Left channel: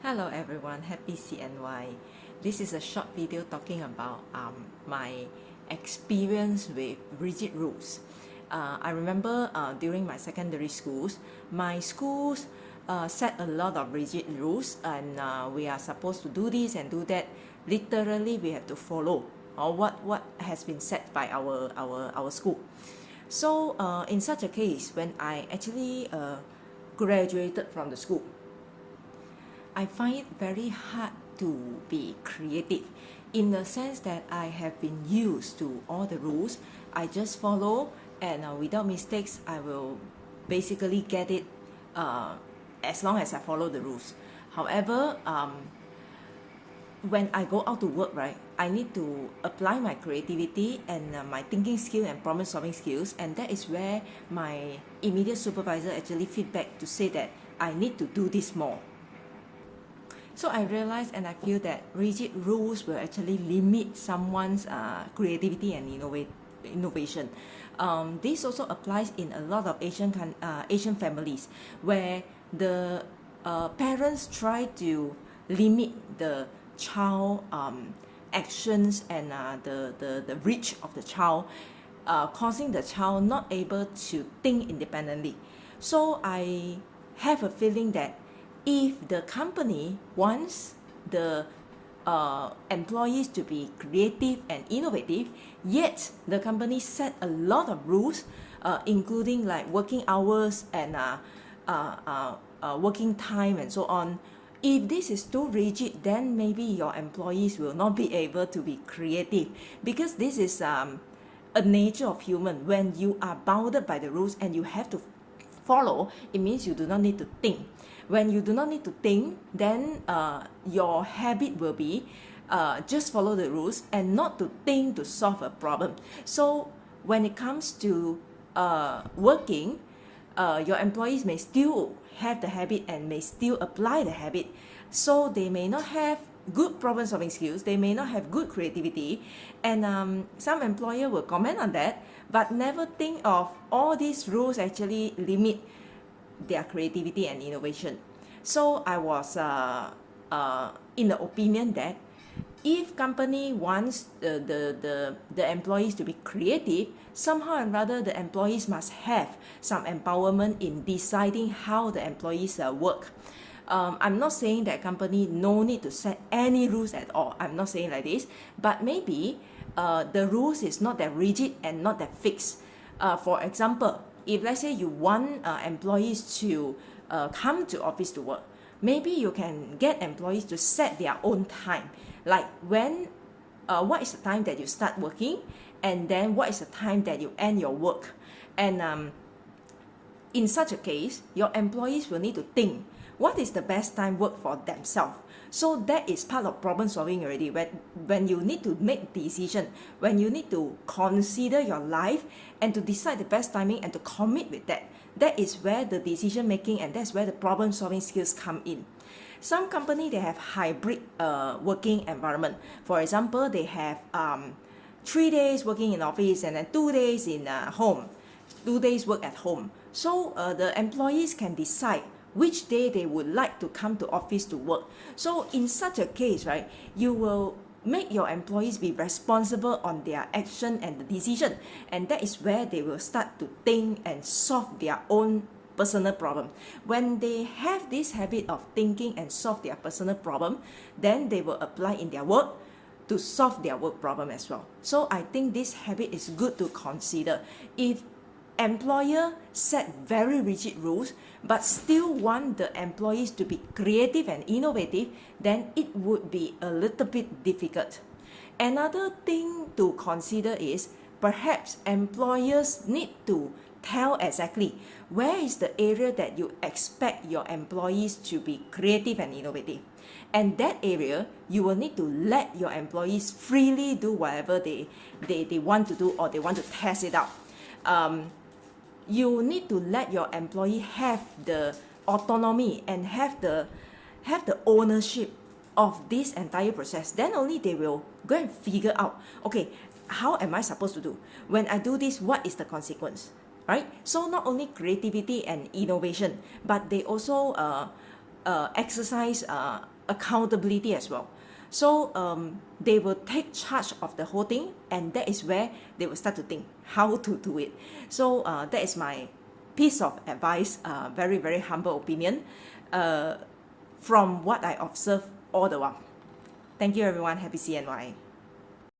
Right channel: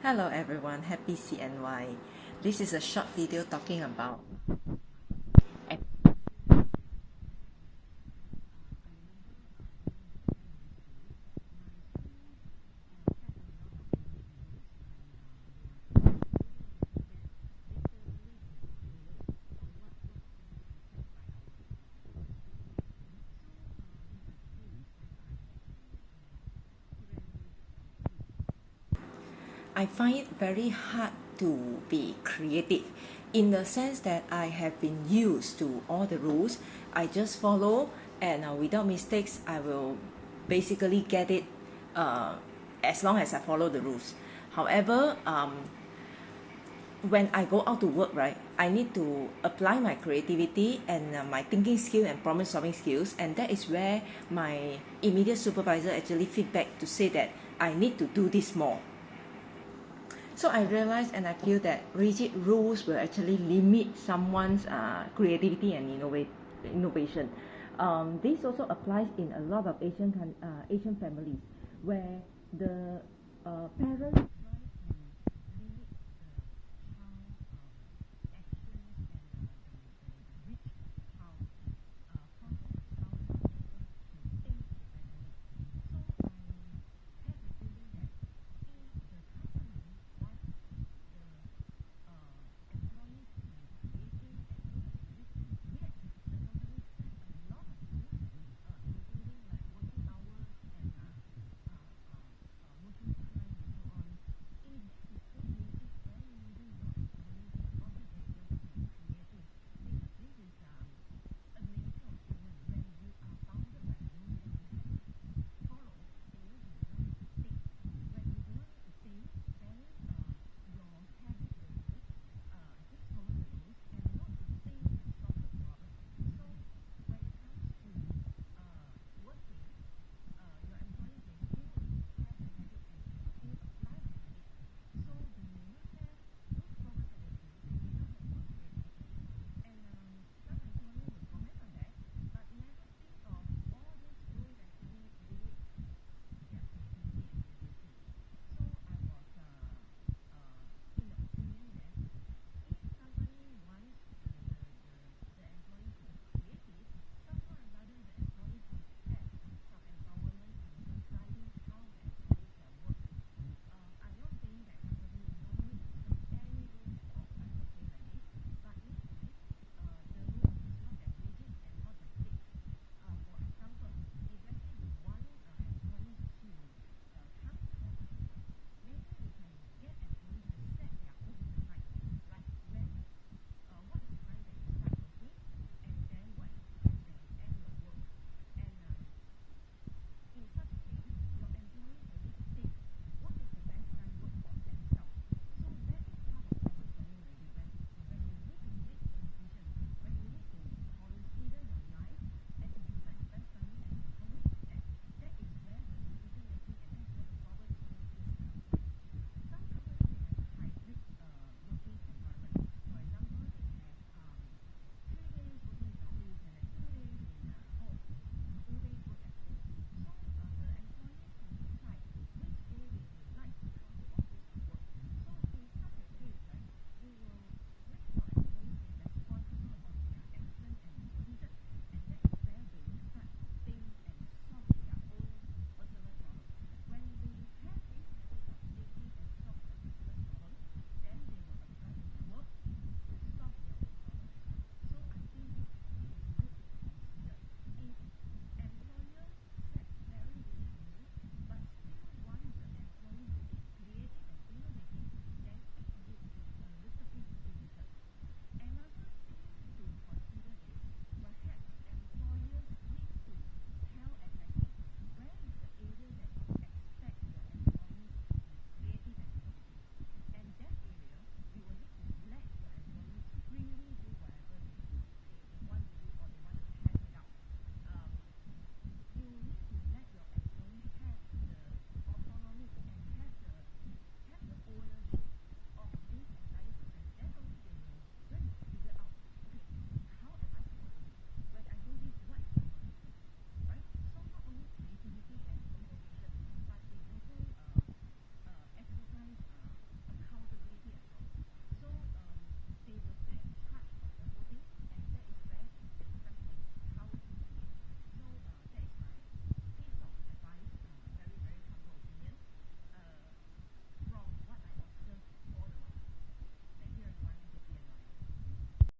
Hello everyone, happy CNY. This is a short video talking about my experience with rigid rules. I remember during my secondary schools, my schools set a lot of rigid rules, and we are supposed to do this and do that. Literally, we have to follow or what has been set by our school. So in such a case, when I actually graduated from the school, I find it very hard to be creative in the sense that I have been used to all the rules. I just follow, and without mistakes, I will basically get it as long as I follow the rules. However, when I go out to work, right, I need to apply my creativity and my thinking skill and problem solving skills, and that is where my immediate supervisor actually feedback to say that I need to do this more. So I realized and I feel that rigid rules will actually limit someone's creativity and innovation. This also applies in a lot of Asian families where the parents try to limit the child actions and the reach of the child, causing the child not able to think independently. So I have a feeling that if the company wants the employees to be creative and innovative, yet the company set a lot of rules, including like working hours and working time and so on. If this is too rigid, then maybe your employees will not be able to be creative, because this is a nature of human. When you are bounded by the rules and you have to follow, it means you do not need to think. When you do not need to think, then your habit will be just follow the rules and not to think to solve a problem. So when it comes to working, your employees may still have the habit and may still apply the habit. So they may not have good problem solving skills, they may not have good creativity, and some employer will comment on that, but never think of all these rules actually limit their creativity and innovation. So I was in the opinion that if company wants the employees to be creative, somehow and rather the employees must have some empowerment in deciding how the employees work. I'm not saying that company no need to set any rules at all. I'm not saying like this, but maybe the rules is not that rigid and not that fixed. For example, if let's say you want employees to come to office to work, maybe you can get employees to set their own time, like what is the time that you start working, and then what is the time that you end your work. And in such a case, your employees will need to think what is the best time work for themselves. So that is part of problem solving already. When you need to make decision, when you need to consider your life and to decide the best timing and to commit with that, that is where the decision making and that's where the problem solving skills come in. Some company, they have hybrid working environment. For example, they have 3 days working in office and then 2 days in home, 2 days work at home. So the employees can decide which day they would like to come to office to work. So in such a case, right, you will make your employees be responsible on their action and the decision, and that is where they will start to think and solve their own personal problem. When they have this habit of thinking and solve their personal problem, then they will apply in their work to solve their work problem as well. So I think this habit is good to consider. If employer set very rigid rules but still want the employees to be creative and innovative, then it would be a little bit difficult. Another thing to consider is perhaps employers need to tell exactly where is the area that you expect your employees to be creative and innovative. And that area, you will need to let your employees freely do whatever they want to do, or they want to test it out. You need to let your employee have the autonomy and have the ownership of this entire process. Then only they will go and figure out, okay, how am I supposed to do? When I do this, what is the consequence? Right? So not only creativity and innovation, but they also exercise accountability as well. So they will take charge of the whole thing, and that is where they will start to think how to do it. So that is my piece of advice, very, very humble opinion from what I observe all the while. Thank you everyone. Happy CNY.